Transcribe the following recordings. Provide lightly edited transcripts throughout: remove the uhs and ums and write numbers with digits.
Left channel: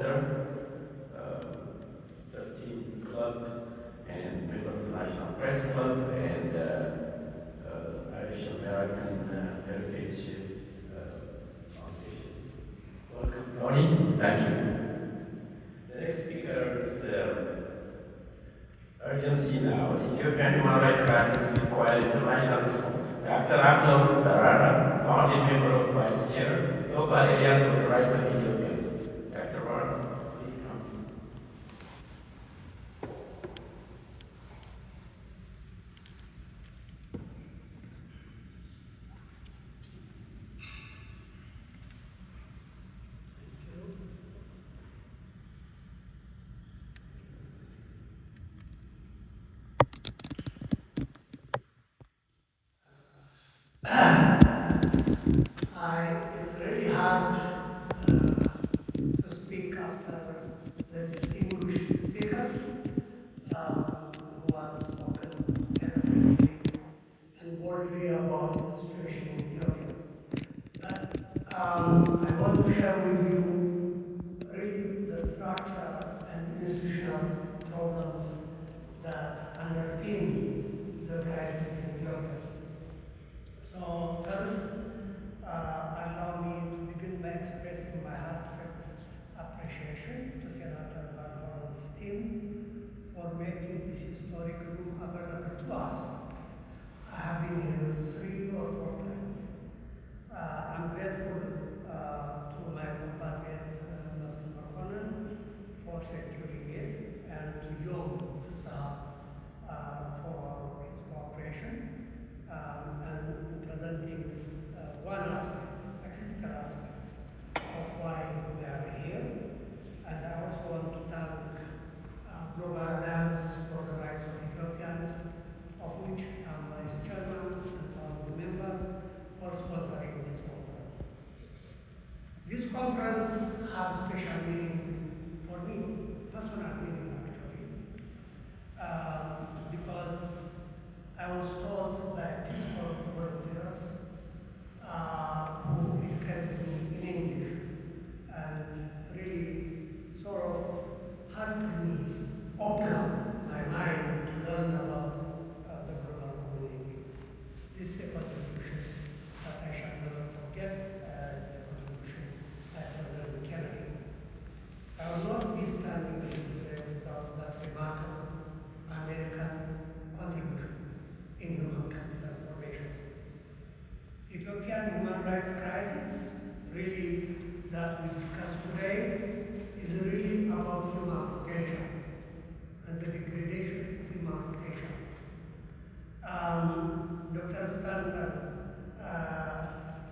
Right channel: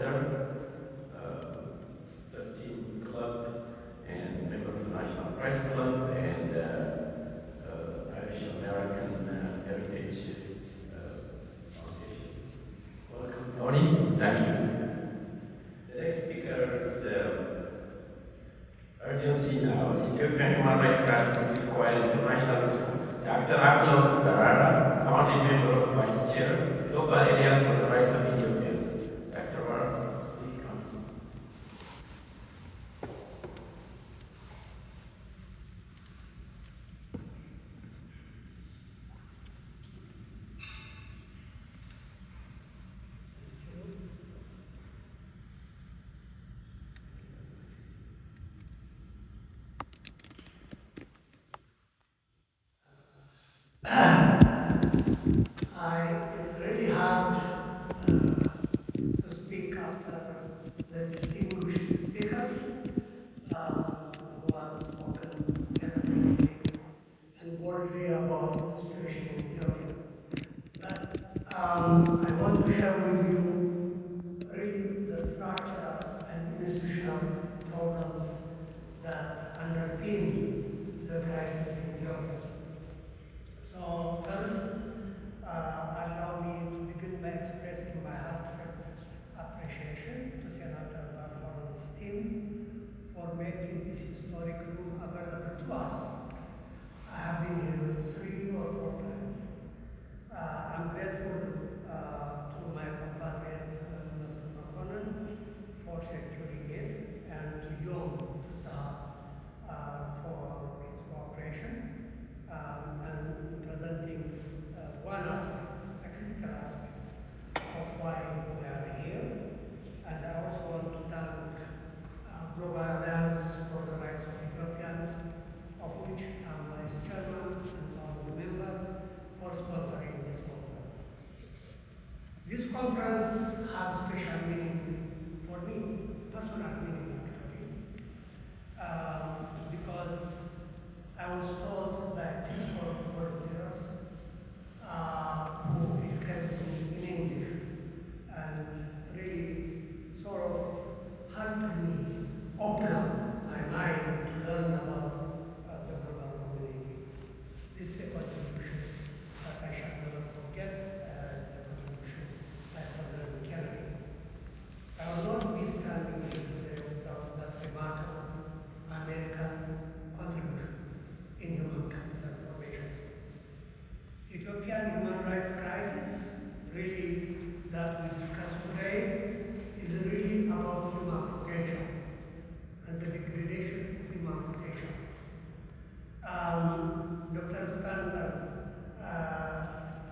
poster, 13 Club, and member of the National Press Club, and Irish American Heritage Foundation. Welcome, Tony. Thank you. The next speaker is urgency now. Ethiopian human rights crisis require international response. Dr. Aklo Darara, founding member of Vice Chair, Global Areas for the Rights of Ethiopians. Dr. Darara, please come. It's really hard to speak after the distinguished speakers who have spoken eloquently and boldly about the situation in Ethiopia. But I want to share with you really the structure and institutional problems that underpin the crisis in Ethiopia. So first, allow me to begin by expressing my heartfelt appreciation to Senator Van Horen's team for making this historic room available to us. I have been here 3 or 4 times. I'm grateful to my compatriot, Mr. McConnell, for securing it, and to you, sir, for his cooperation and presenting one aspect, a critical aspect of why we are here. And I also want to thank Global Alliance for the Rights of Ethiopians, of which I'm Vice Chairman and founding member, for sponsoring this conference. This conference has special meaning for me, personal meaning actually, because I was told by Peace Corps volunteers who educated me in English and really sort of helped me open my mind to learn about the global community. This is a contribution that I shall never forget as a contribution by President Kennedy. I will not be standing here today without that remarkable American contribution in human capital formation. Ethiopian human rights crisis, really, that we discuss today, is really about human potential and the degradation of human potential. Dr. Stanton,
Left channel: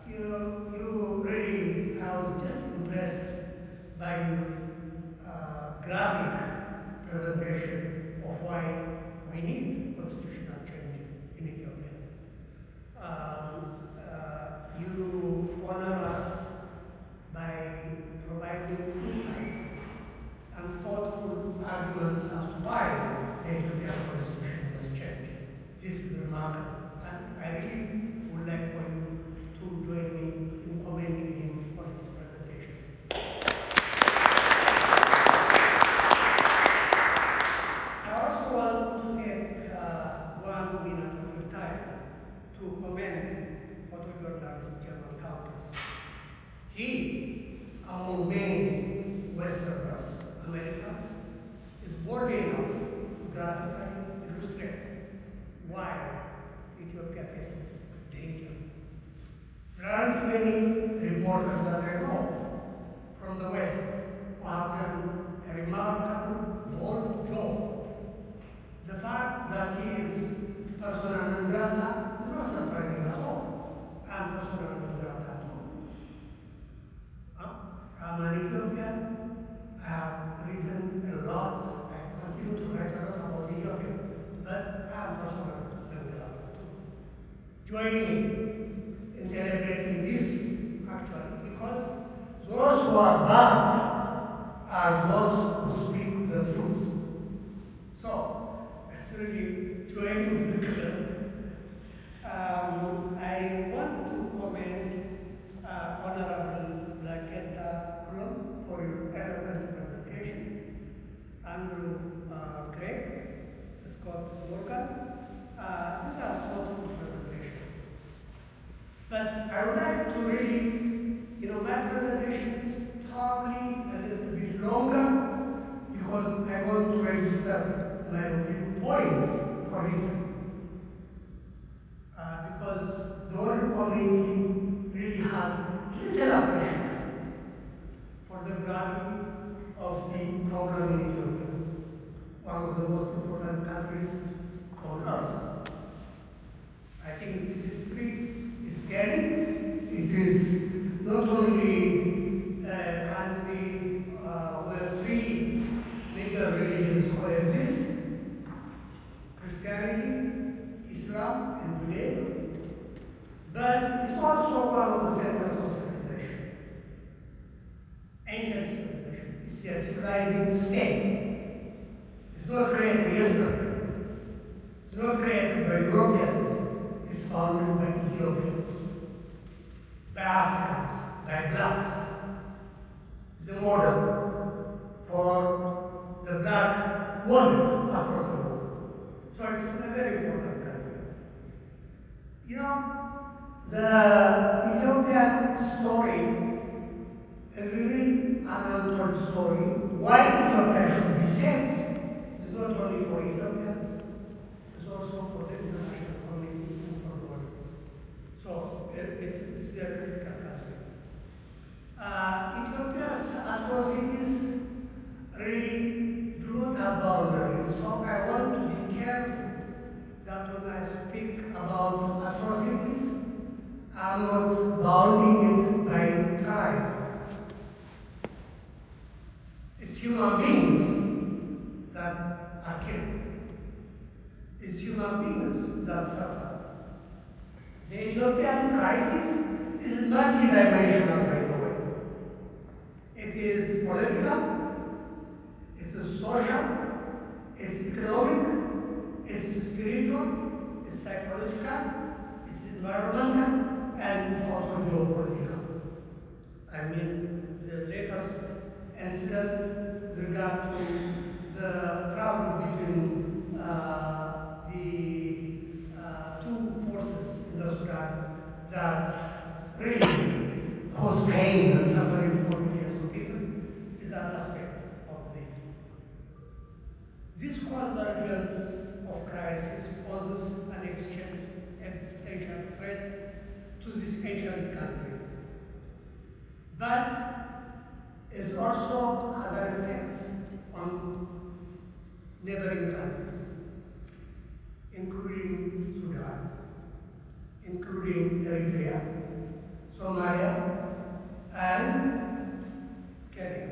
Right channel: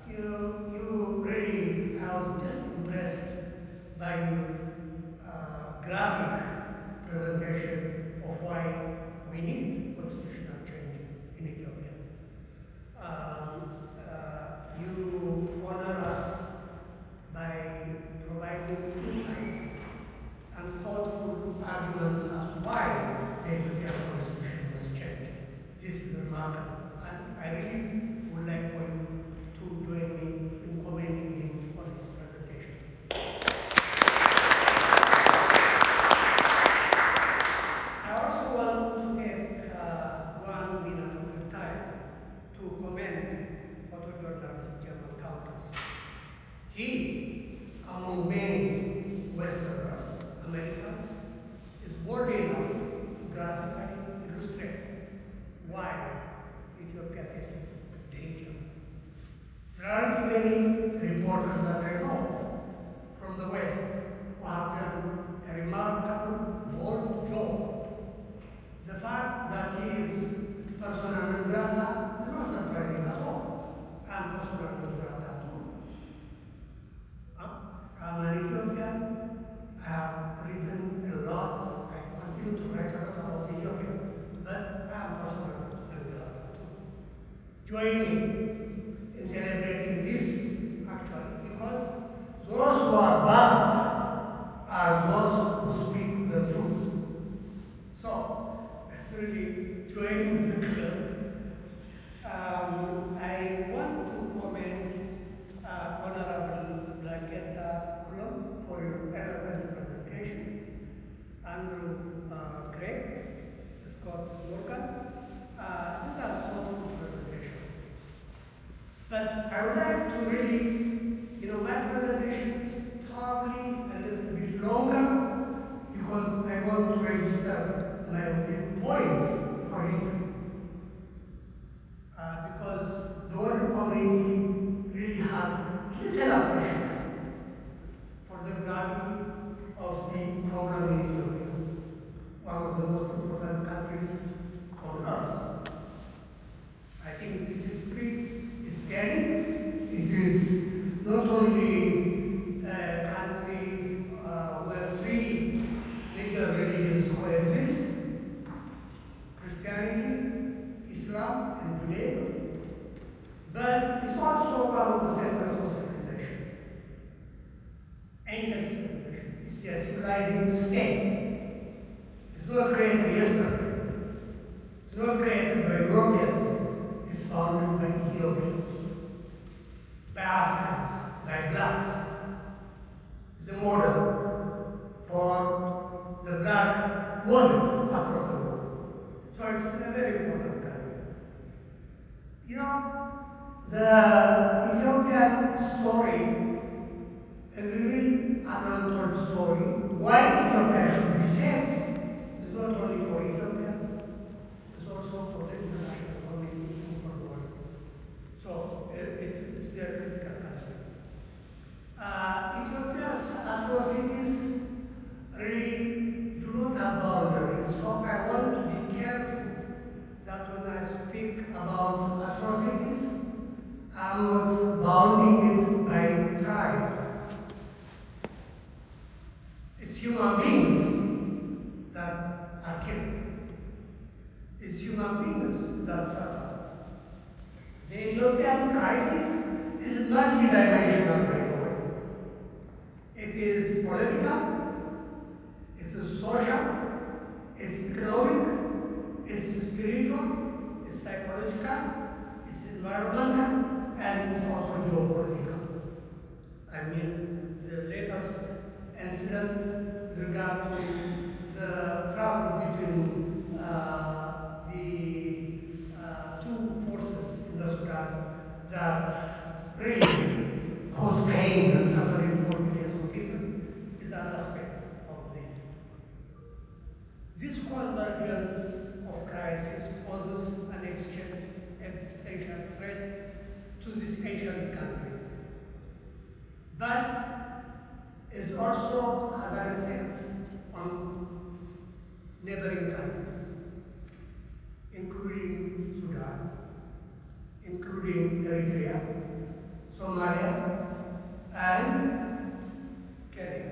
you really, I was just impressed by your graphic presentation of why we need constitutional change in Ethiopia. You honor us by providing insight and thoughtful arguments as to why the Ethiopian constitution was changed. This is remarkable, and I really would like for you to join me in commending him for his presentation. I also want to take 1 minute of your time to commend photojournalist German Countess. He, among many Westerners, Americans, is bold enough to graphically illustrate why Ethiopia faces danger. There aren't many reporters that I know from the West who have done a remarkable, bold job. The fact that he is persona non grata is not surprising at all. I'm persona non grata too. I'm an Ethiopian. I have written a lot. I continue to write a lot about Ethiopia, but I am persona non grata too. Join me in celebrating this actually, because those who are bad are those who speak the truth. So, it's really join the club. I want to commend Honorable Black Kenta Kulam for your eloquent presentation. Andrew Craig, Scott Morgan. These are thoughtful presentations. But I would like to really, my presentation is probably a little bit longer because I want to register my point for history. Because the world community really has little appreciation for the gravity of the problem in Ethiopia, one of the most important countries on earth. I think this history is scary. It is not only a country where three major religions coexist: Christianity, Islam, and Judaism. But it's also one of the centers of civilization. Ancient civilization. It's a civilizing state. It's not created yesterday. It's not created by Europeans. It's founded by Ethiopians, by Africans, by blacks. It's a model for the black world across the world. So it's a very important country. The Ethiopian story is really an untold story. Why Ethiopia should be saved is not only for Ethiopians, it's also for the international community and for the world. So it's a critical country. Ethiopia's atrocities really do not have boundaries. So I want to be careful that when I speak about atrocities, I'm not bounding it by tribe. It's human beings that are killed. It's human beings that suffer. The Ethiopian crisis is multidimensional, by the way. It is political, it's social, it's economic, it's spiritual, it's psychological, it's environmental, and it's also geopolitical. I mean, the latest incident with regard to the travel between the two forces in the Sudan that really cause pain and suffering for millions of people is an aspect of this. This convergence of crisis poses an existential threat to this ancient country, but it also has an effect on neighboring countries, including Sudan, including Eritrea, Somalia, and Kenya.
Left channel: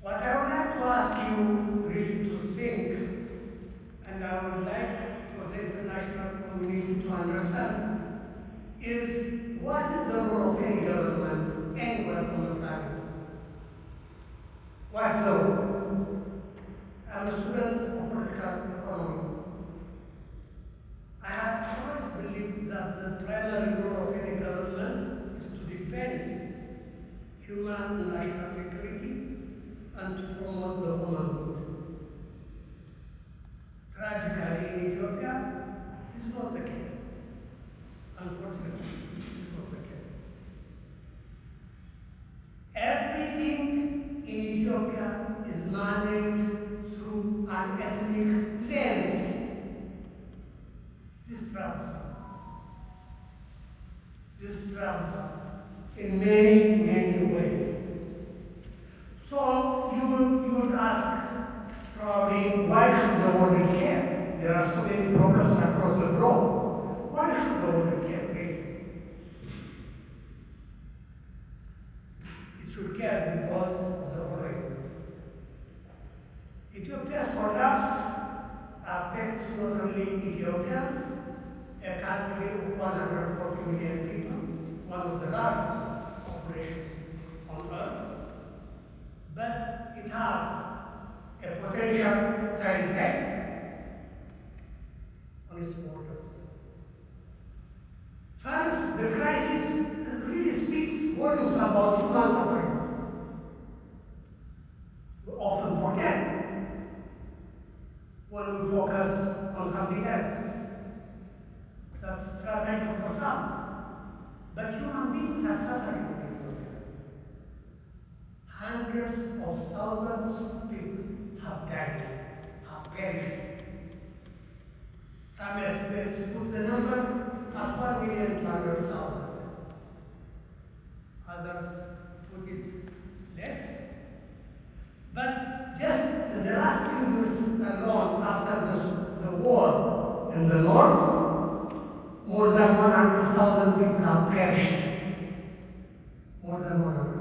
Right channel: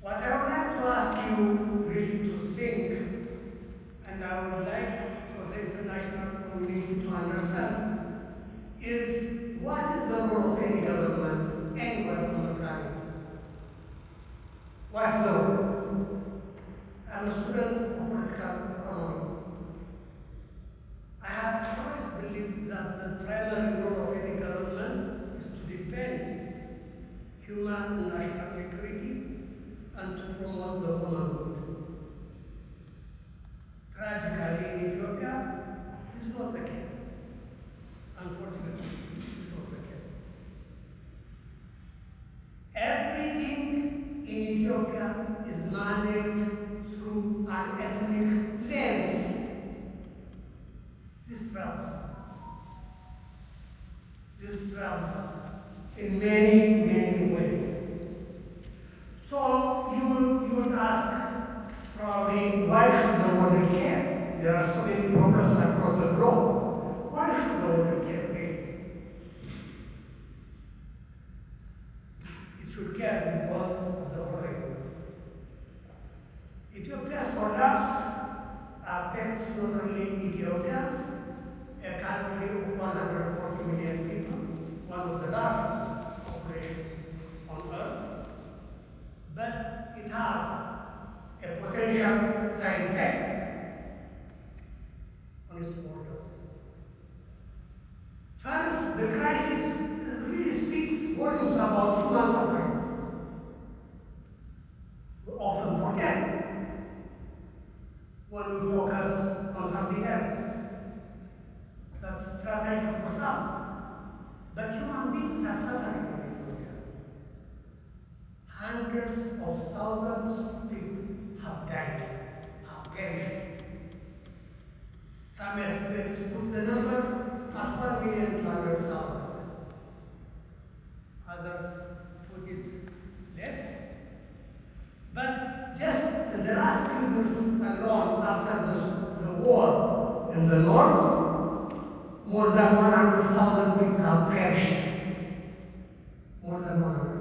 What I would like to ask you really to think, and I would like for the international community to understand, is what is the role of any government anywhere on the planet? What's the role? I'm a student of political economy. I have always believed that the primary role of any government is to defend human and national security and to promote the womanhood. Tragically, in Ethiopia, this is not the case. Unfortunately, this is not the case. Everything in Ethiopia is managed through an ethnic lens. This travels in many ways. So you would ask, probably, why should the world care? There are so many problems across the globe. Why should the world care? It should care because of the following. Ethiopia's collapse affects not only Ethiopians, a country of 140 million people, one of the largest populations on earth, but it has a potential side effect on its borders. First, the crisis really speaks volumes hundreds of thousands of people have died, have perished. Some estimates put the number at 1,200,000. Others put it less. But just in the last few years alone, after the war in the north, more than 100,000 people have perished. More than 100,000.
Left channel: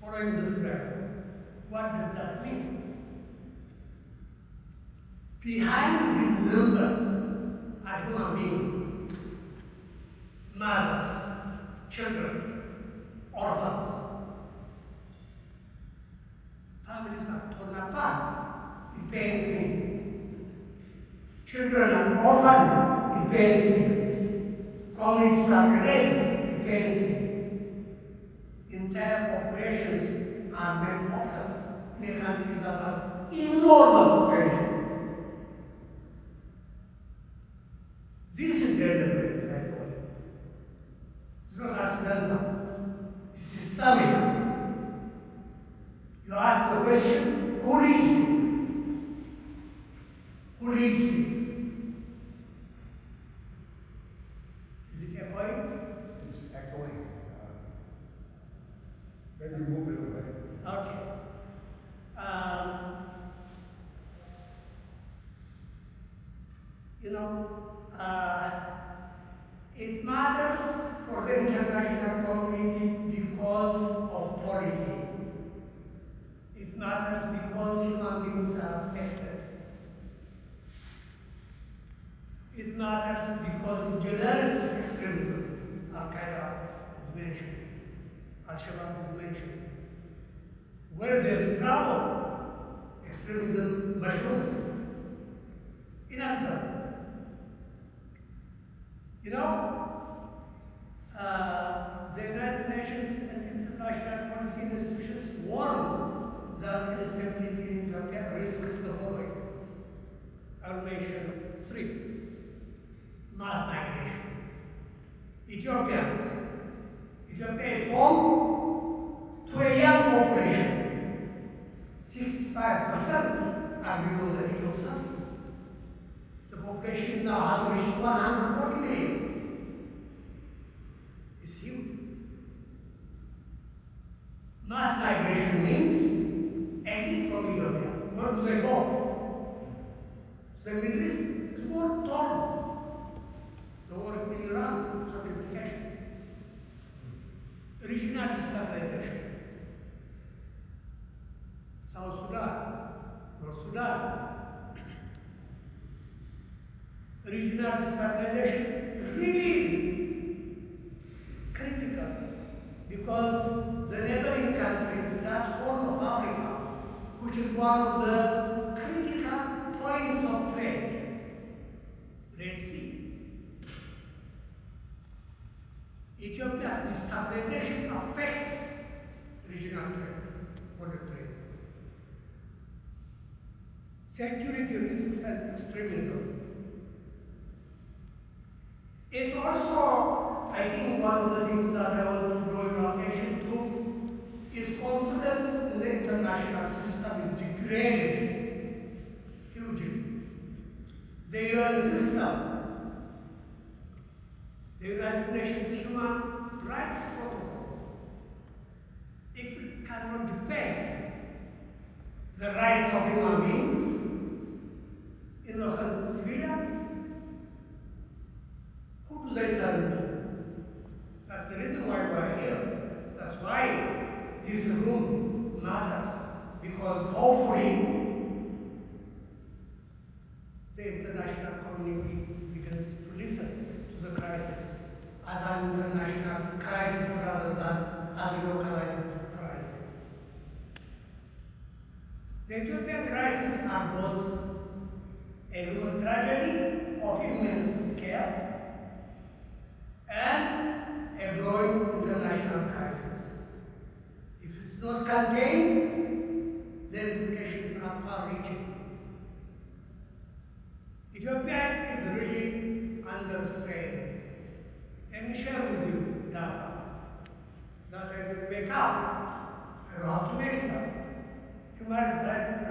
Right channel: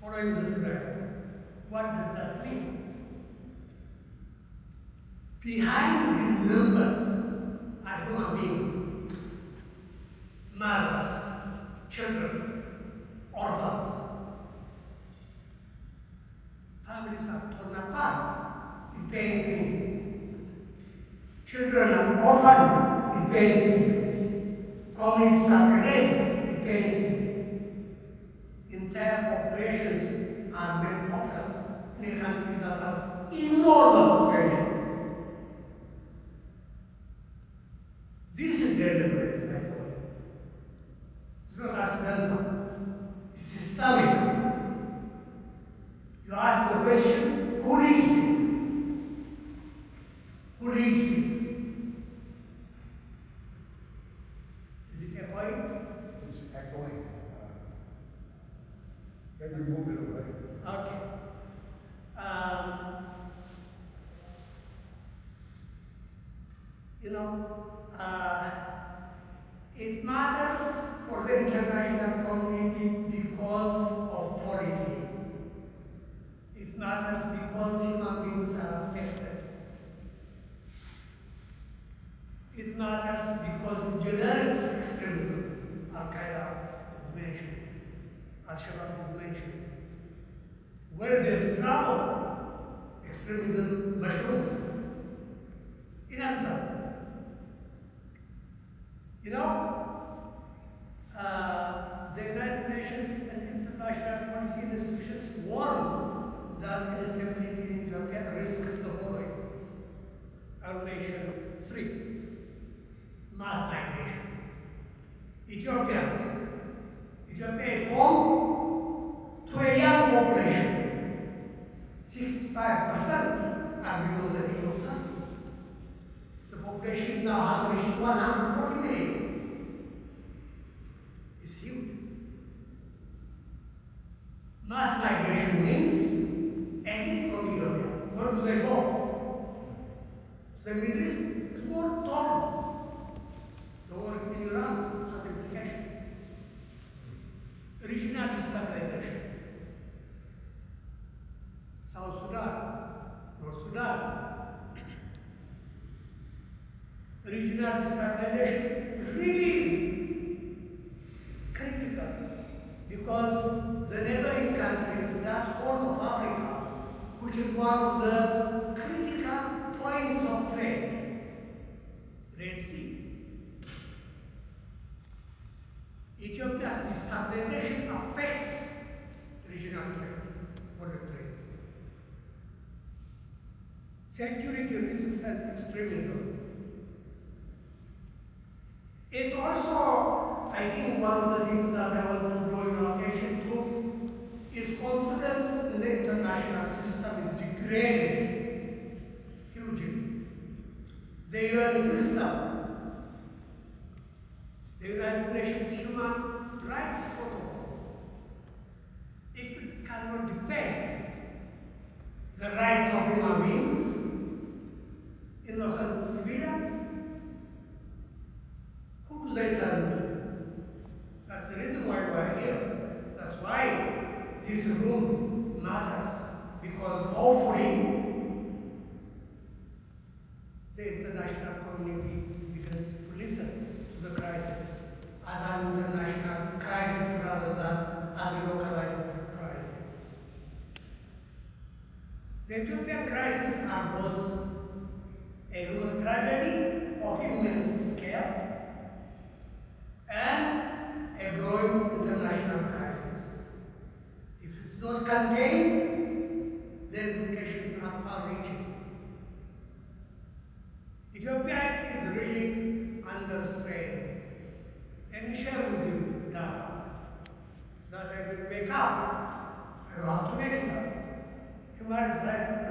Following the trend. What does that mean? Behind these numbers are human beings, mothers, children, orphans. Families are torn apart. It pains me. Children are orphaned. It pains me. Communities are erased. It pains me. Entire populations are made hopeless in a country that has enormous population. This is deliberate, by the way. It's not accidental. It's systemic. You ask the question, who leads it? Who leads it? Is it echoing? It's echoing. Maybe move it away. Okay. It matters for the international community because of policy. It matters because human beings are affected. It matters because jihadist extremism, Al-Qaeda is mentioned, Al-Shabaab is mentioned. Where there is trouble, extremism mushrooms. Inevitable. The United Nations and international policy institutions warn that instability in Ethiopia risks the following. I'll mention three. Mass migration. Ethiopia is home to a young population. 65% are below the age of 30. The population now has reached 140 million. It's huge. Mass migration means exit from Ethiopia. Where do they go? The Middle East is more torn. The war in Iran has implications. Regional destabilization. South Sudan, North Sudan. Regional destabilization is really critical because the neighboring countries, that Horn of Africa, which is one of the critical points of trade, Red Sea. Ethiopia's destabilization affects regional trade, border trade. Security risks and extremism. It also, I think one of the things that I want to draw your attention to is confidence in the international system is degraded hugely. The UN system, the United Nations Human Rights Protocol, if it cannot defend the rights of human beings, innocent civilians, who do they turn to? That's the reason why we're here. That's why this room matters, because hopefully the international community begins to listen to the crisis as an international crisis rather than as a localized crisis. The Ethiopian crisis are both a human tragedy of immense scale and a growing international crisis. If it's not contained, the implications are far-reaching. Ethiopia is really under strain. Let me share with you data that I will make up You have to make it up. Human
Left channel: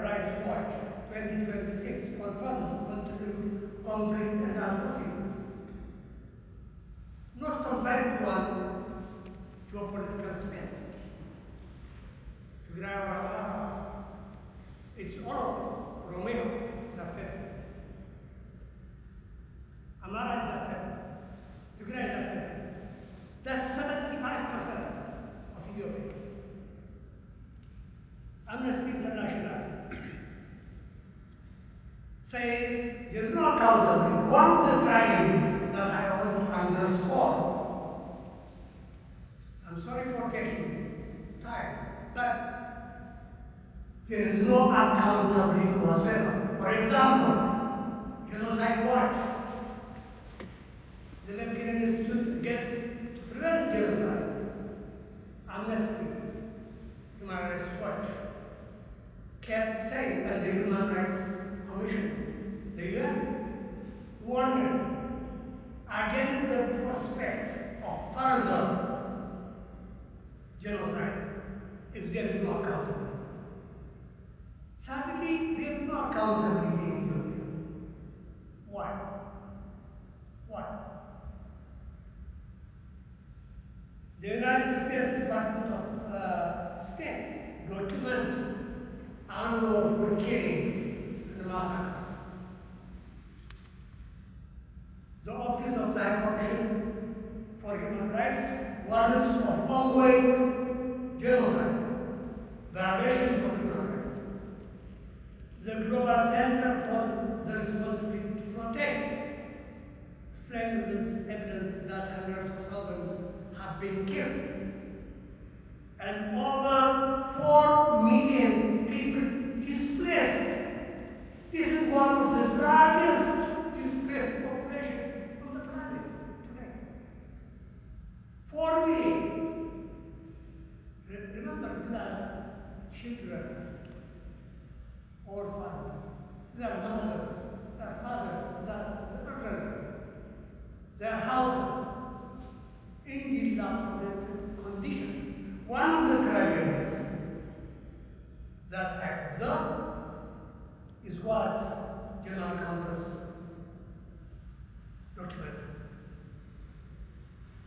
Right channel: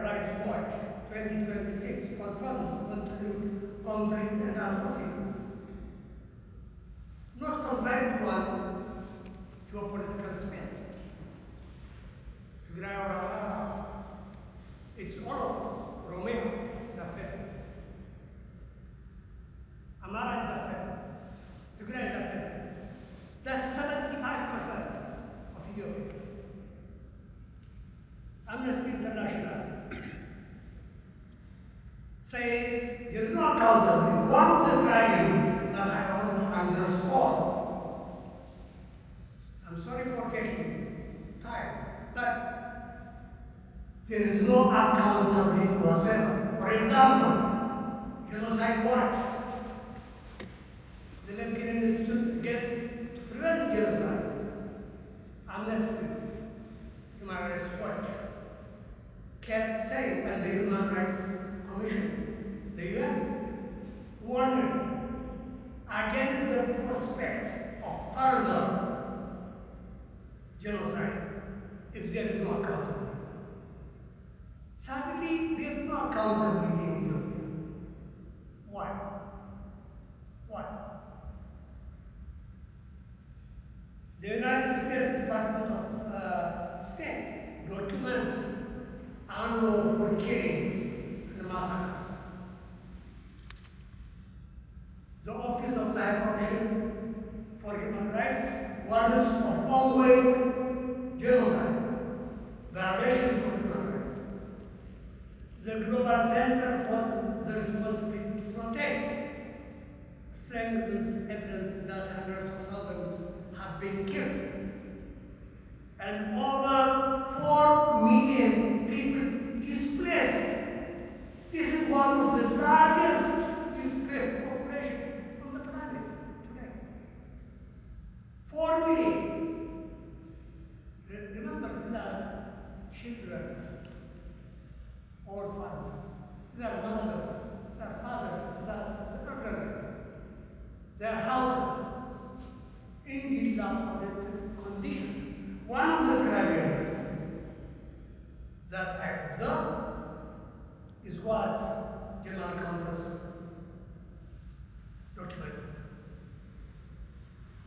Rights Watch 2026 confirms continued conflict and atrocities. Not confined to a political space. It's all Romeo is affected. Amara is affected. Tigray is affected. That's 75% of Ethiopia. Amnesty International says there's no accountability. One of the tragedies that I want to underscore, I'm sorry for taking time, but there is no accountability whatsoever. For example, Genocide Watch, the Lemkin Institute again to prevent genocide. Amnesty, Human Rights Watch, kept saying, and the Human Rights Commission, the UN, warning against the prospect of further genocide if there is no accountability. Sadly, there is no accountability in Ethiopia. Why? Why? The United States Department of State documents unlawful killings and massacres. The Office of the High Commission for Human Rights warns of ongoing genocide, violations of human rights. The Global Center for the Responsibility to Protect strengthens evidence that hundreds of thousands have been killed. And over 4 million people displaced. This is one of the largest displaced populations on the planet today. 4 million. Remember, these are children, orphans, these are mothers, these are fathers, these are children. Their households in dilapidated conditions. One of the tragedies that I observe is what General Countess documented.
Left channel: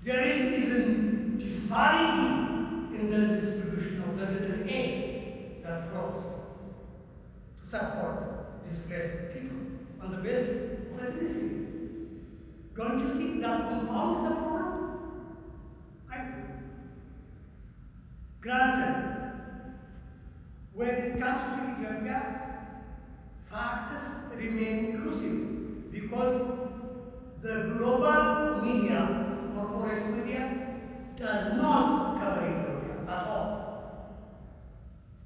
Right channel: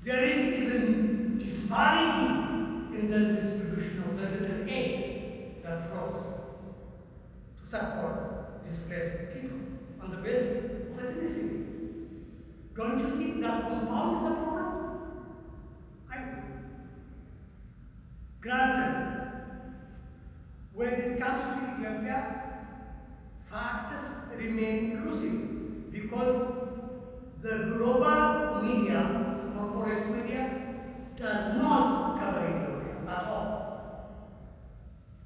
There is even disparity in the distribution of the little aid that flows to support displaced people on the basis of ethnicity. Don't you think that compounds the problem? I do. Granted, when it comes to Ethiopia, facts remain elusive because the global media, corporate media, does not cover Ethiopia at all.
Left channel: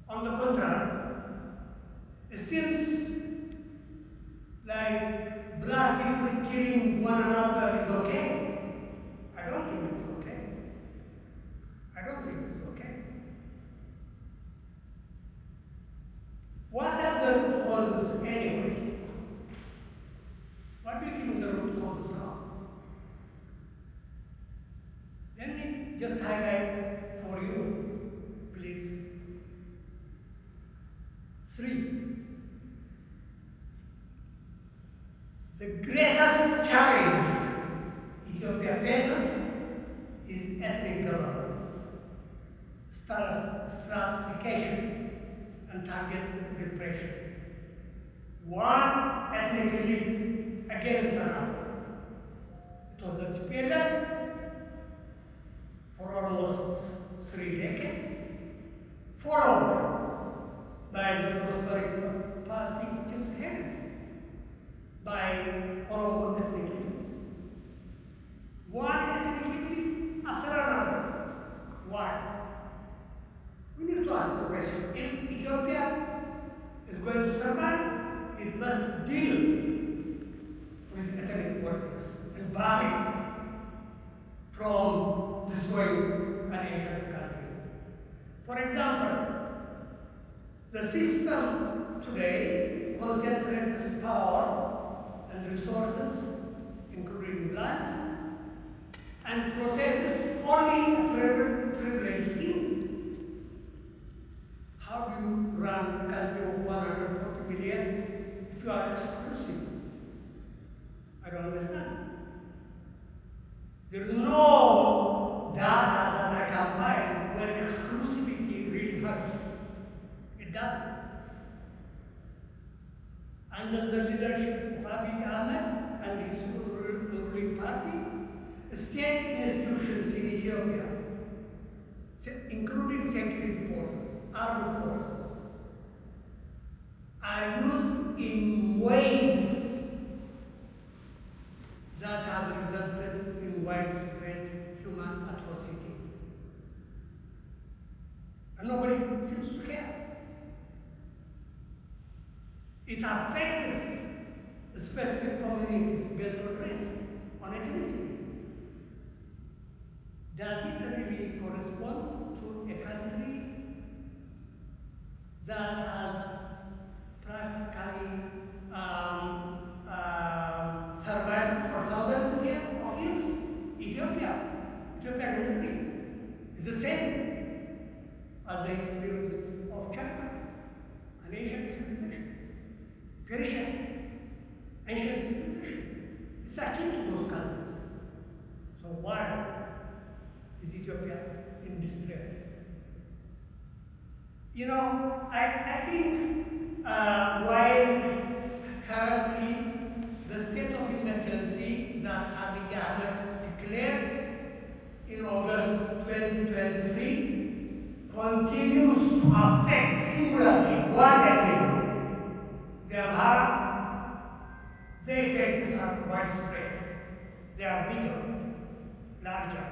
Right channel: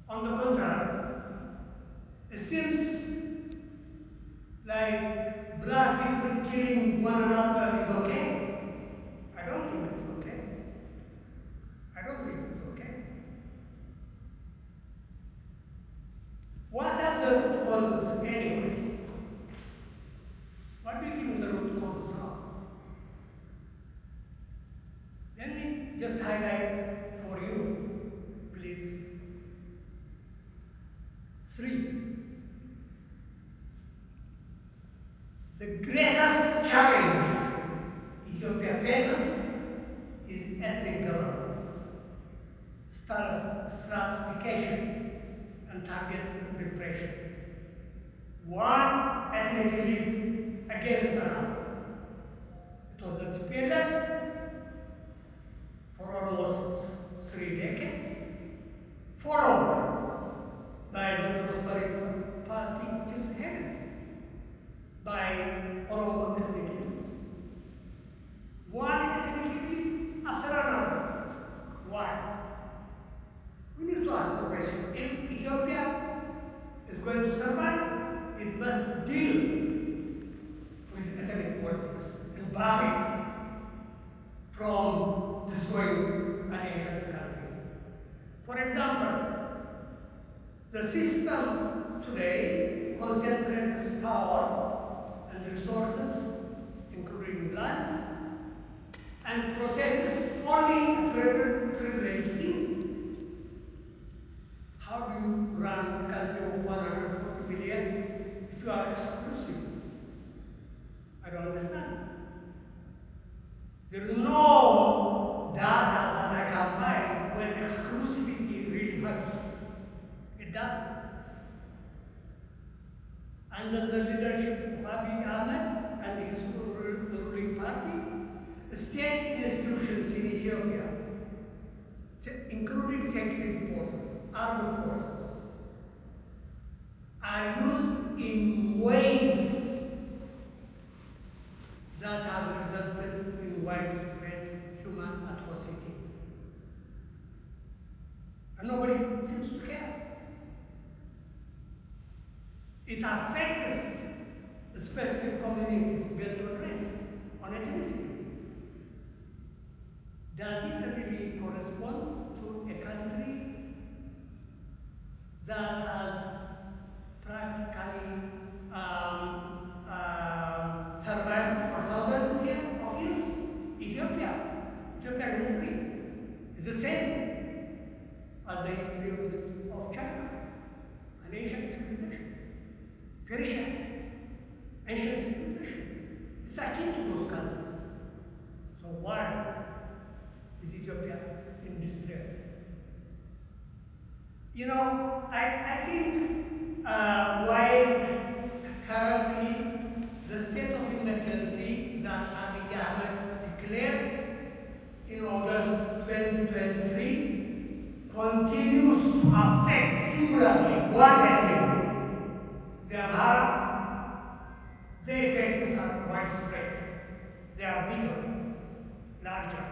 On the contrary, it seems like black people killing one another is okay. I don't think it's okay. I don't think it's okay. What are the root causes anyway? What do you think the root causes are? Let me just highlight for you, please. 3. The greatest challenge Ethiopia faces is ethnic governance, stratification, and targeted repression. One ethnic elite against another. It was a period for almost 3 decades, followed by the Prosperity Party, which is headed by Oromo ethnic elites. One ethnic elite after another. Why? We need to ask the question, if Ethiopia is going to survive, it must deal with ethnic politics and bar it from destroying an ancient country. For example, the system today concentrates power and resources, including land, and protects only a privileged few. run a country of 140 million if you are exclusive. I don't understand. There is no data that I can find where exclusivity really hurts. It doesn't. Under the leadership of Abiy Ahmed and his ruling party, state institutions in Ethiopia, including security forces, armed forces, are used in ways that have resulted in widespread human atrocity. And nobody seems to care. It affects specific communities based on race, on ethnicity. Does it really correspond to a country that has practically survived for thousands of years? Ethiopian history is the same as the history of China, an ancient civilization. Persia, ancient civilization. It's akin to those countries. So why is Ethiopia in distress? You know, I think while currently the state of emergency that Abiy Ahmed declared in August 2023 continues to affect singularly one ethnic group, the Amhara. The effects are widespread. They are bigger, larger.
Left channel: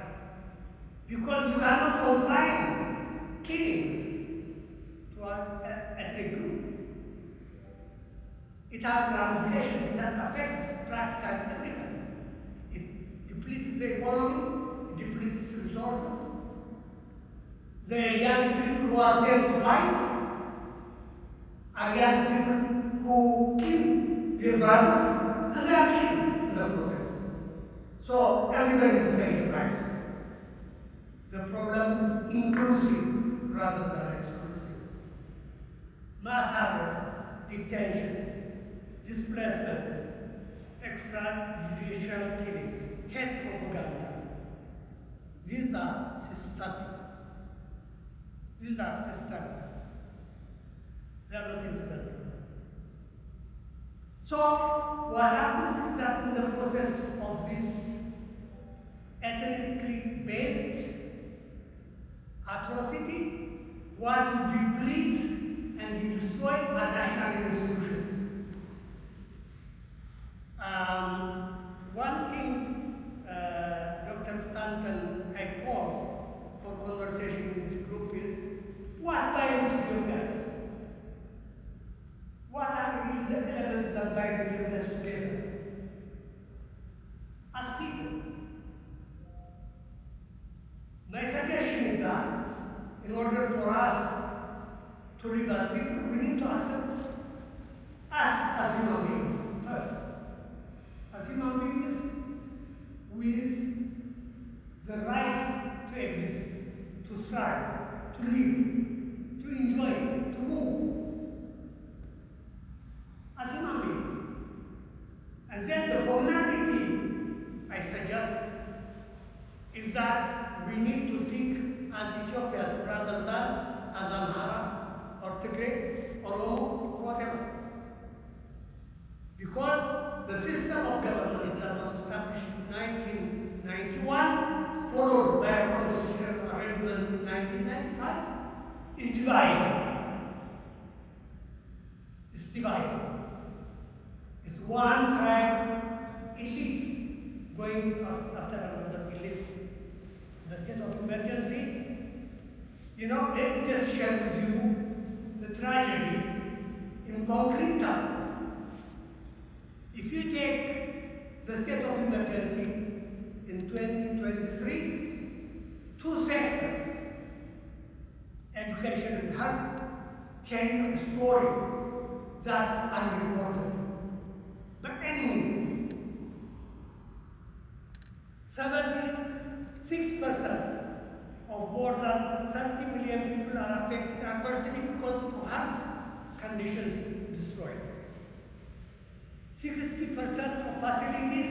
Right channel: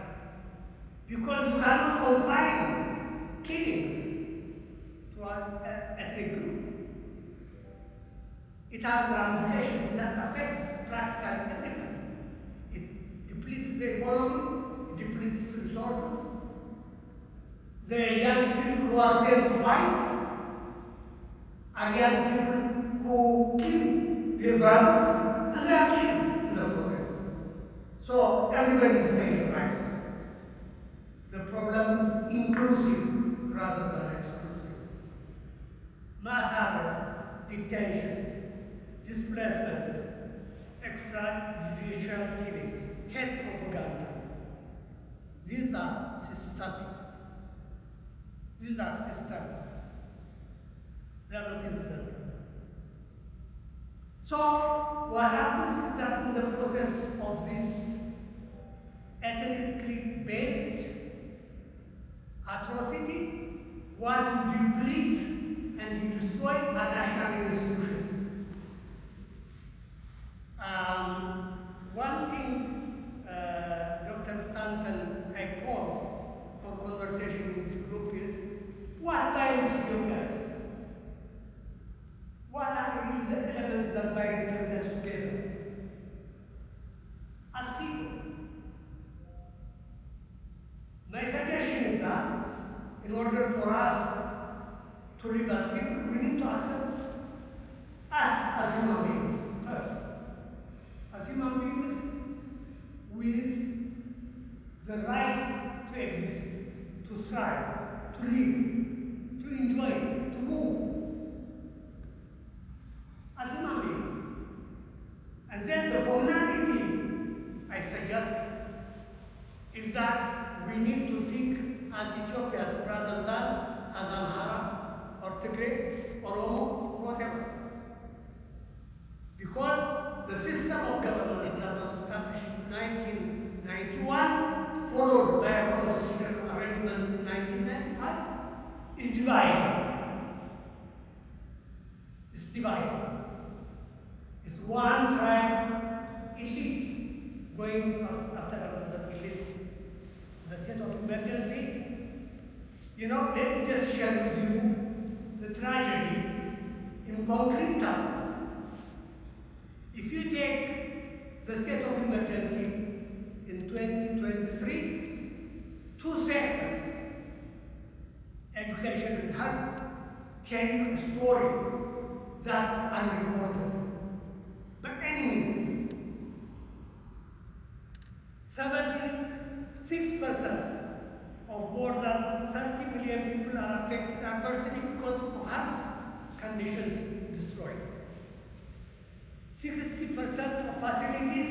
Because you cannot confine killings to an ethnic group. It has ramifications that affects practically everyone. It depletes the economy, it depletes resources. The young people who are sent to fight are young people who kill their brothers and they are killed in the process. So everybody is paying a price. The problem is inclusive rather than exclusive. Mass arrests, detentions, displacements, extrajudicial killings, hate propaganda. These are systemic. These are systemic. They are not incidental. So what happens is that in the process of this ethnically based atrocity, while you deplete and you destroy our national institutions. One thing, Dr. Stanton, I pause for conversation in this group is, what binds Ethiopians? What are the elements that bind Ethiopians together? As people. My suggestion is that in order for us to live as people, we need to accept us as human beings first. As human beings with the right to exist, to thrive, to live, to enjoy, to move. As human beings. And then the commonality I suggest is that we need to think as Ethiopians rather than as Amhara or Tigray or Oromo or whatever. Because the system of government that was established in 1991, followed by a constitutional arrangement in 1995, is divisive. It's divisive. It's one tribe elite going after another elite. The state of emergency, you know, let me just share with you the tragedy in concrete terms. If you take the state of emergency in 2023, two sectors, education and health, tell you a story that's unreported. But anyway, 76% of more than 30 million people are affected adversely because of health conditions destroyed. 60% of facilities,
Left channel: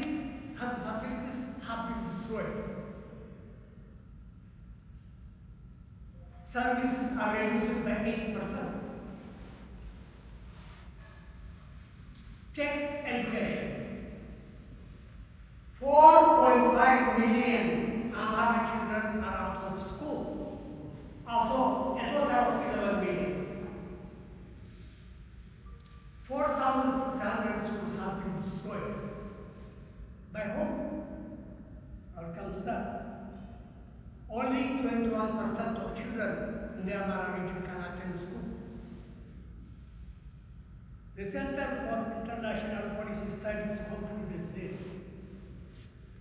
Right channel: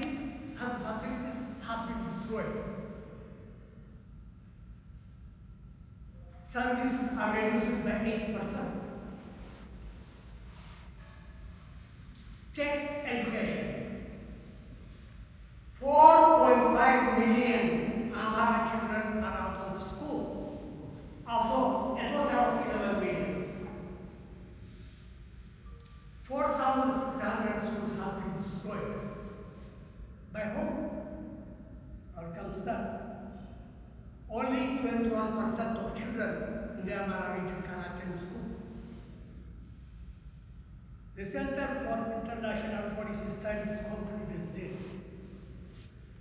health facilities, have been destroyed. Services are reduced by 80%. Take education. 4.5 million Amharic children are out of school, although a total of 11 million. 4,600 schools have been destroyed. By whom? I'll come to that. Only 21% of children in the Amhara region can attend school. The Center for International Policy Studies concludes this.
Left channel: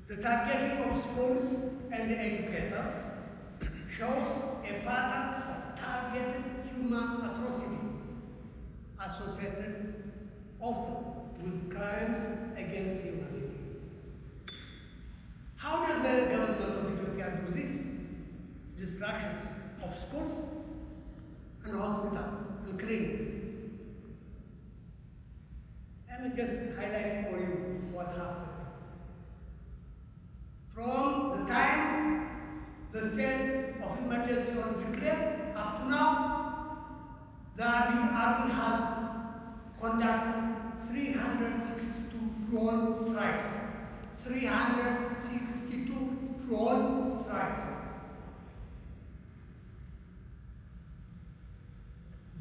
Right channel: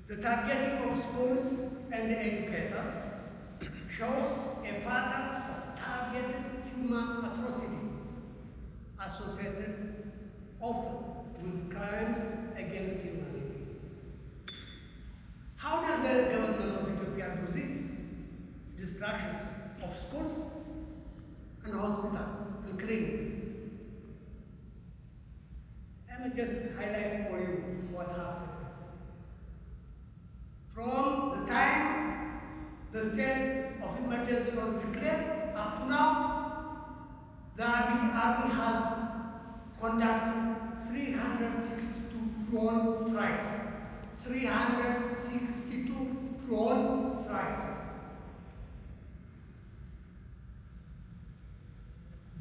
The targeting of schools and the educators shows a pattern of targeted human atrocity associated often with crimes against humanity. How does the government of Ethiopia do this? Destructions of schools and hospitals and clinics. Let me just highlight for you what happened. From the time the state of emergency was declared up to now, the army has conducted 362 drone strikes. 362 drone strikes.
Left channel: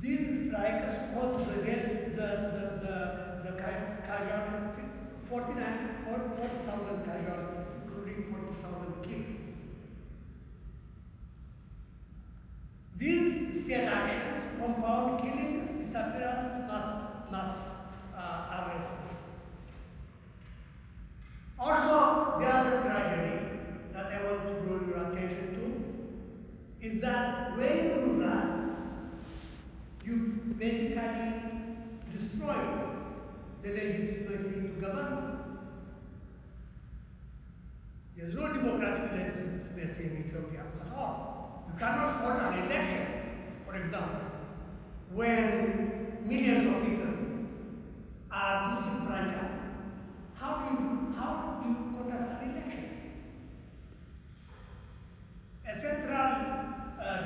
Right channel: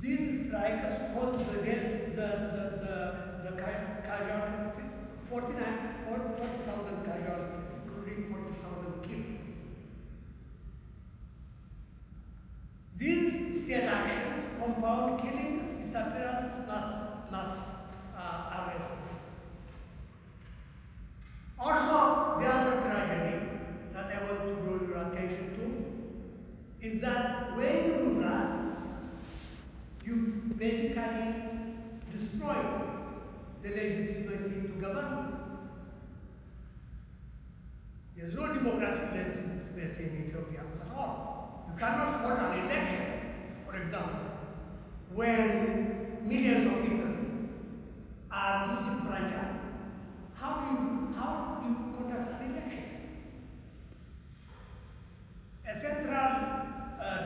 These strikes caused the casualties, 40,000 casualties, including 40,000 killed. These state actions compound killings, disappearances, mass arrests. Also, the other tragedy that I want to draw your attention to is that when you do that, you basically destroy the legitimacy to govern. There's no democratic legitimacy in Ethiopia at all. You cannot hold an election, for example, when millions of people are disenfranchised. How do you conduct an election? A central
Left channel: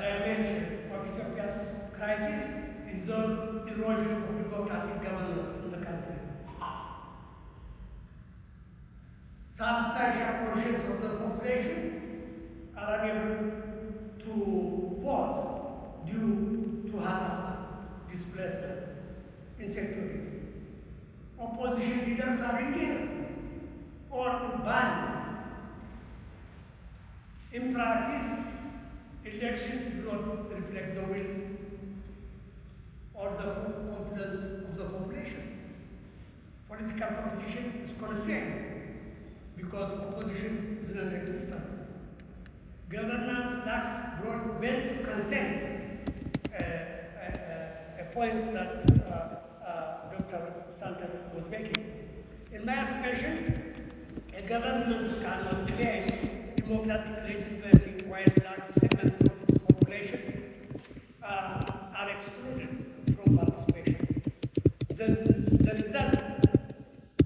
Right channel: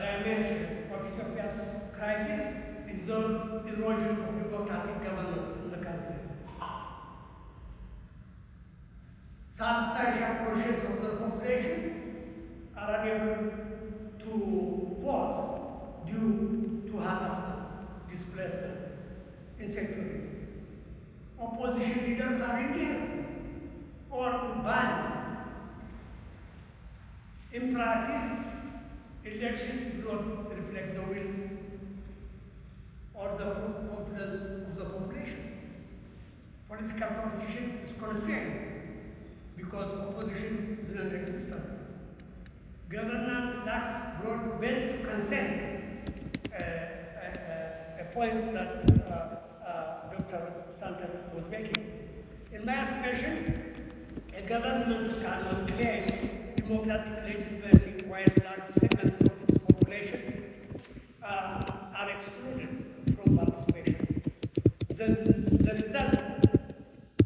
dimension of Ethiopia's crisis is the erosion of democratic governance in the country. Substantial portions of the population are unable to vote due to harassment, displacement, insecurity. Opposition leaders are in jail or banned. In practice, elections do not reflect the will or the confidence of the population. Political competition is constrained because opposition is non-existent. Governance lacks broad-based consent, a point that Dr. Stanton was making. In my estimation, a government cannot claim democratic legitimacy while large segments of its population are excluded from participation. The result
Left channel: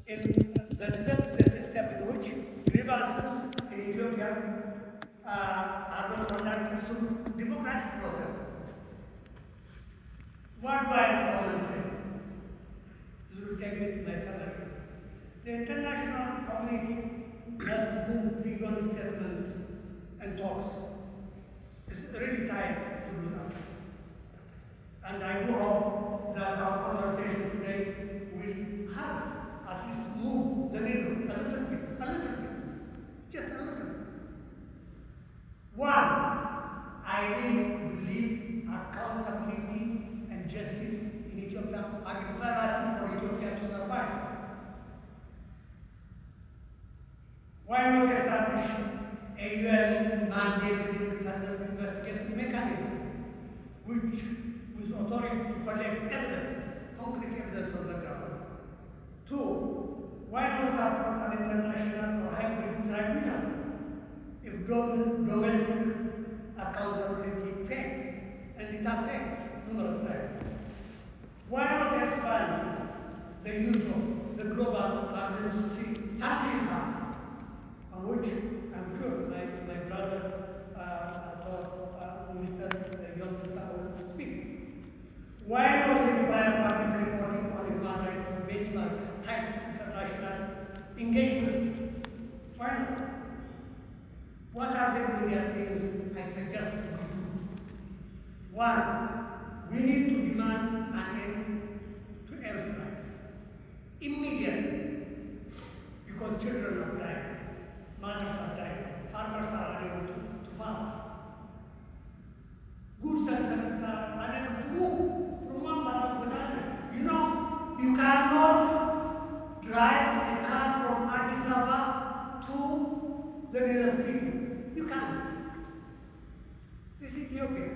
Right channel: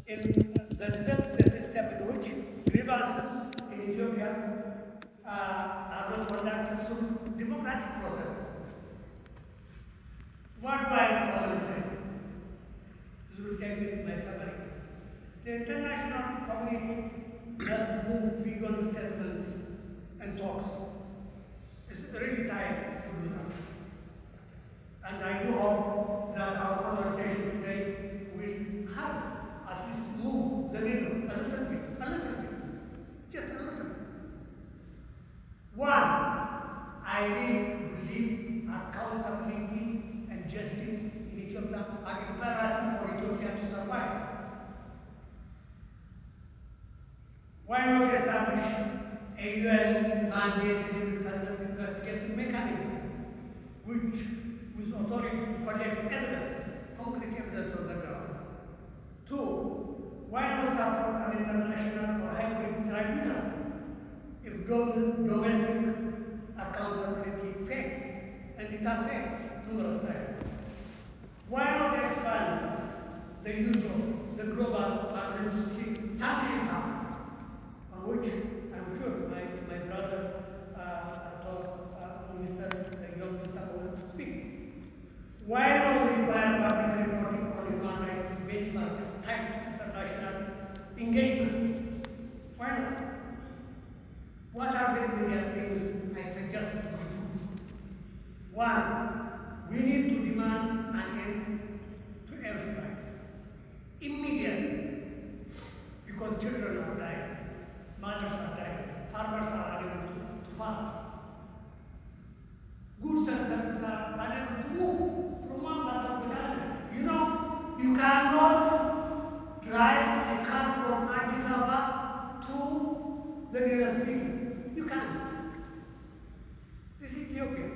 is a system in which grievances in Ethiopia are not conducted through democratic processes. What do I call it? This will tell me my summary. The international community must move beyond statements and talks. It's really time to do that. And I do hope that our conversation today will help at least move the needle a little bit, just a little bit. One, I really believe accountability and justice in Ethiopia are imperative for Ethiopia to survive. Why not establish a UN-mandated independent investigative mechanism with authority to collect evidence, concrete evidence on the ground? Two, why not support an international or hybrid tribunal if domestic accountability and it has failed numerous times. Why not expand the use of the global Magnitsky Sanctions Act, on which I'm sure my brother, Mr. Young will speak. Why not require public reporting on human rights benchmarks tied to international engagements? Why not? What are the immediate things I suggest we do? One, we need to demand an end to airstrikes immediately, because children are dying, mothers are dying, farmers are unable to farm. Goods and services are unable to move from one part of the country. You know, you cannot drive a car from Addis Ababa to the nearest city. You can't. This is Ethiopia.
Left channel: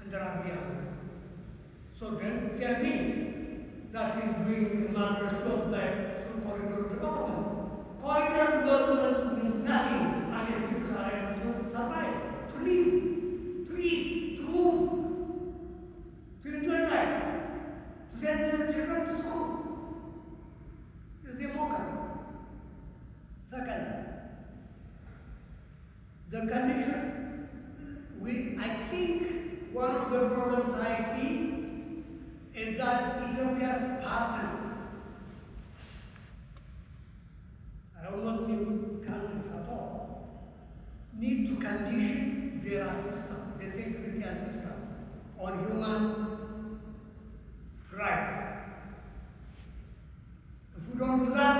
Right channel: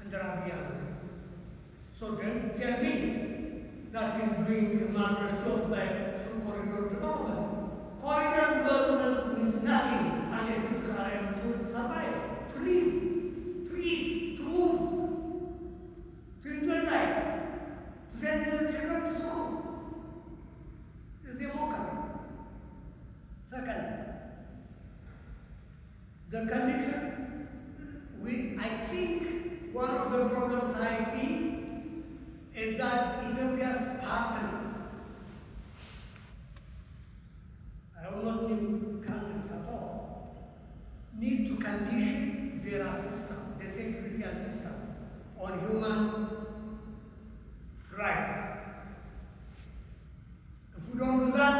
And there are Abiy. So then tell me that he is doing a marvelous job by through corridor development. Corridor development means nothing unless people are able to survive, to live, to eat, to move, to enjoy life, to send their children to school. This is a mockery. Second, the condition, I think one of the problems I see is that Ethiopia's partners, I will not name countries at all, need to condition their assistance, their security assistance, on human rights. If we don't do that,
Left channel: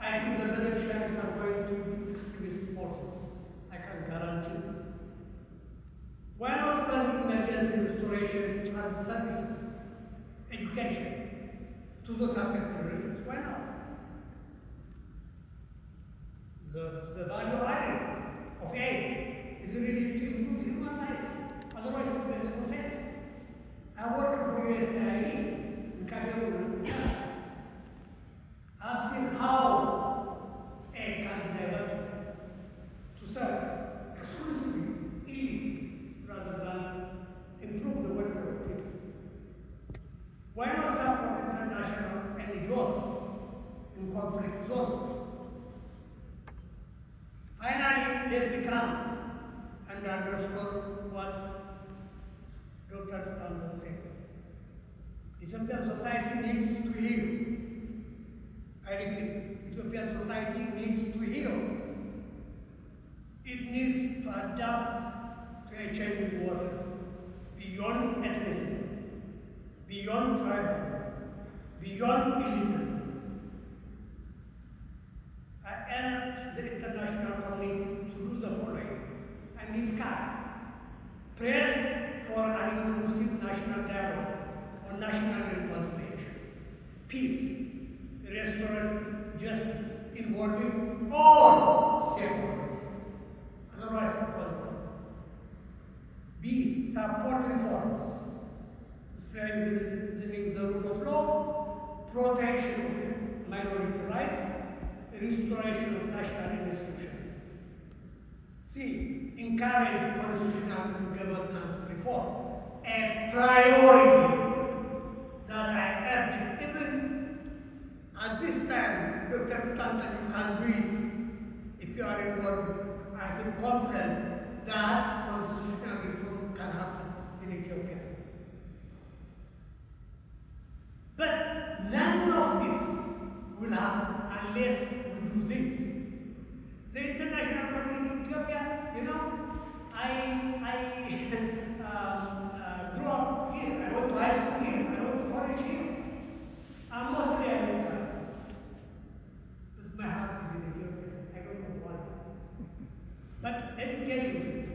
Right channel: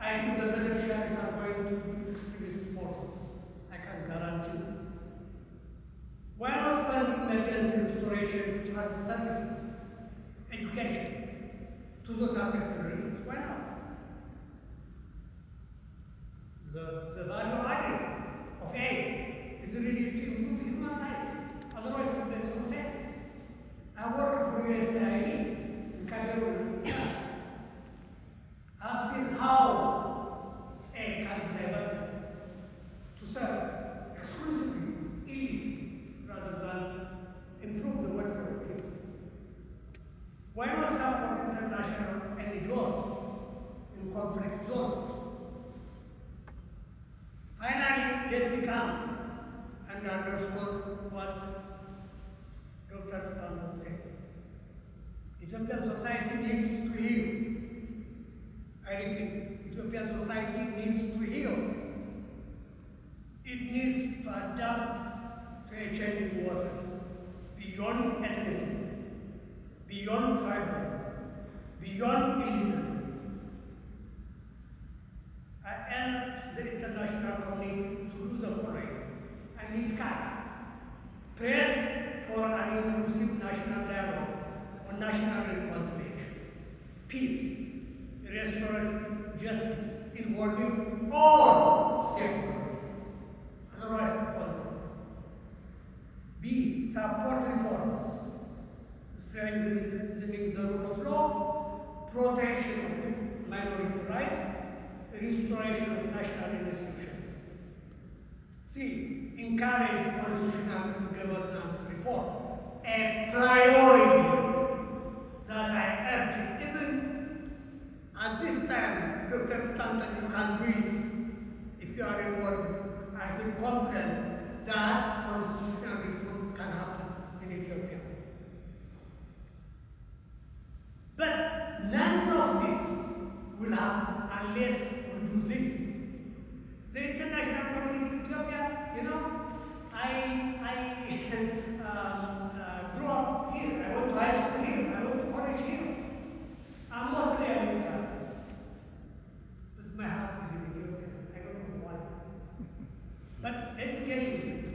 I think the beneficiaries are going to be extremist forces. I can guarantee. Why not fund emergency restoration as services, education to those affected regions? Why not? The value added of aid is really to improve human life. Otherwise, there's no sense. I worked for USAID in Cameroon. I've seen how aid can be diverted to serve exclusively elites rather than improve the welfare of people. Why not support international NGOs in conflict zones? Finally, let me come and underscore what Dr. Stanton said. Ethiopian society needs to heal. I repeat, Ethiopian society needs to heal. It needs to adapt to a changing world, beyond ethnicity, beyond tribalism, beyond elitism. I urge the international community to do the following, and it can. Press for an inclusive national dialogue on national reconciliation, peace, restorative justice involving all stakeholders. Otherwise, B. Support reforms, strengthening the rule of law, protection of minority rights, restoration of national institutions. C. Encourage constitutional governance reform, a priority that I urge even at this time. Dr. Stanton, you can breathe if you are involved. I feel confident that constitutional reform can happen in Ethiopia. But none of this will happen unless we do this. The international community of Ethiopia, you know, I grew up here. I went to high school here. I went to college here. I'm mostly American. But my heart is in Ethiopia. I don't know why. But let me tell you this.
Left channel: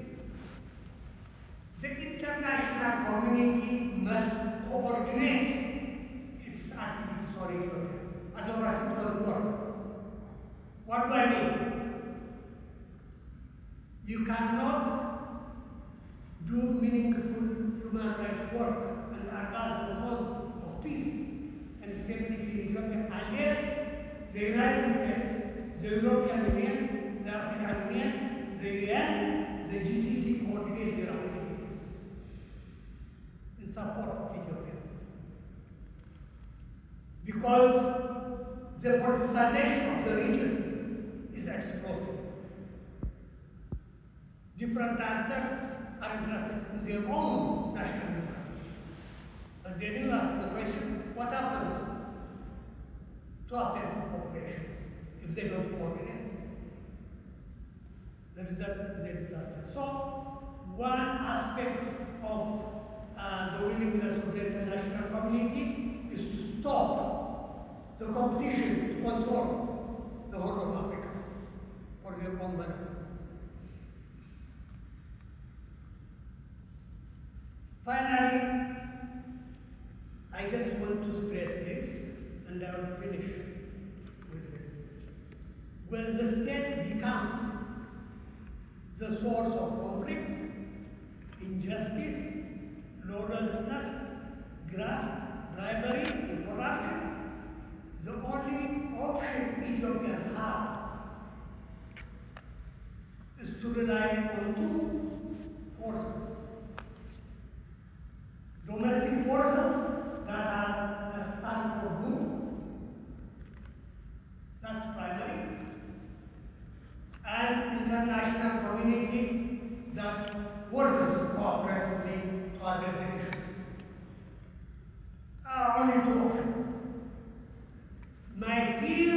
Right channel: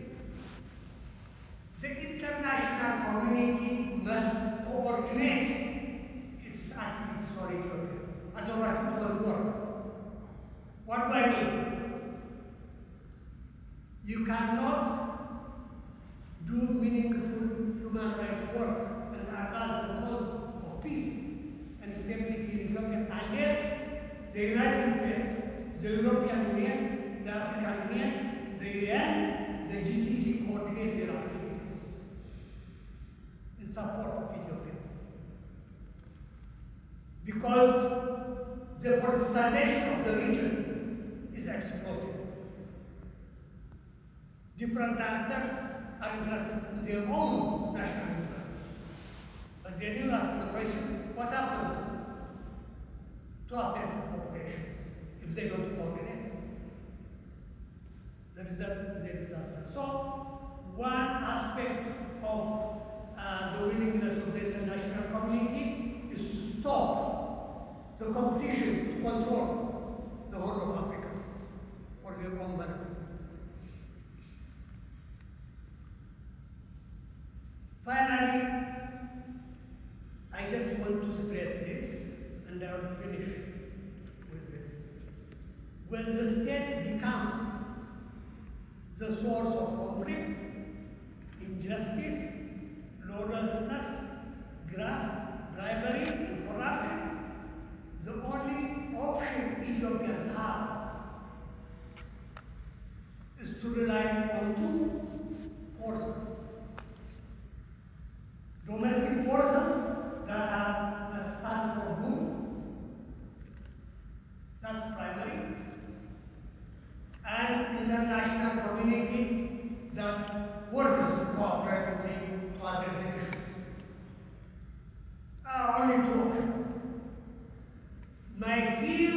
The international community must coordinate its activities for Ethiopia. Otherwise it won't work. What do I mean? You cannot do meaningful human rights work and advance the cause of peace and stability in Ethiopia unless the United States, the European Union, the African Union, the UN, the GCC coordinate their activities. in support of Ethiopia. Because the politicization of the region is explosive. Different actors are interested in their own national interests. But they do ask the question, what happens to affected populations if they don't coordinate? The result is a disaster. So, one aspect of the willingness of the international community is to stop the competition to control the whole of Africa for their own benefit. Finally, I just want to stress this, and I will finish with this. When the state becomes the source of conflict, injustice, lawlessness, graft, bribery, and corruption, the only option Ethiopians have is to rely on two forces. Domestic forces that stand for good, that's primary, and international community that works cooperatively to address the issues. Only two options. My fear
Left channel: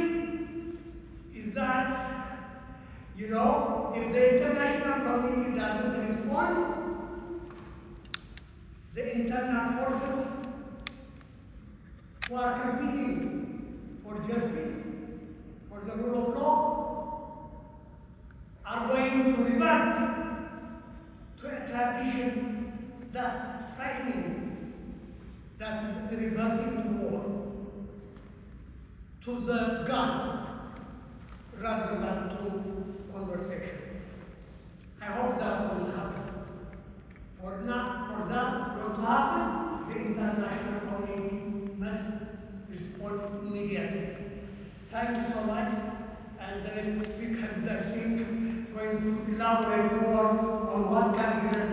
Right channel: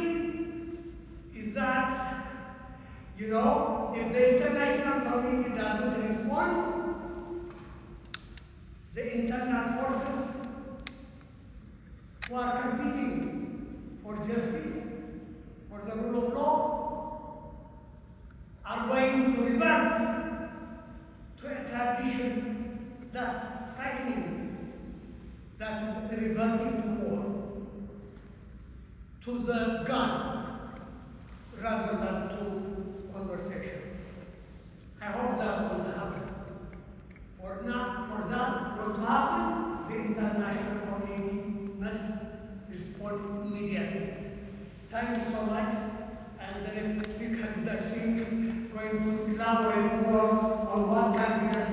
is that, if the international community doesn't respond, the internal forces who are competing for justice, for the rule of law, are going to revert to a tradition that's frightening, that's reverting to war, to the gun, rather than to conversation. I hope that won't happen. For that to happen, the international community must respond immediately. Thank you so much. And the next speaker is, I think, going to elaborate more on what can be done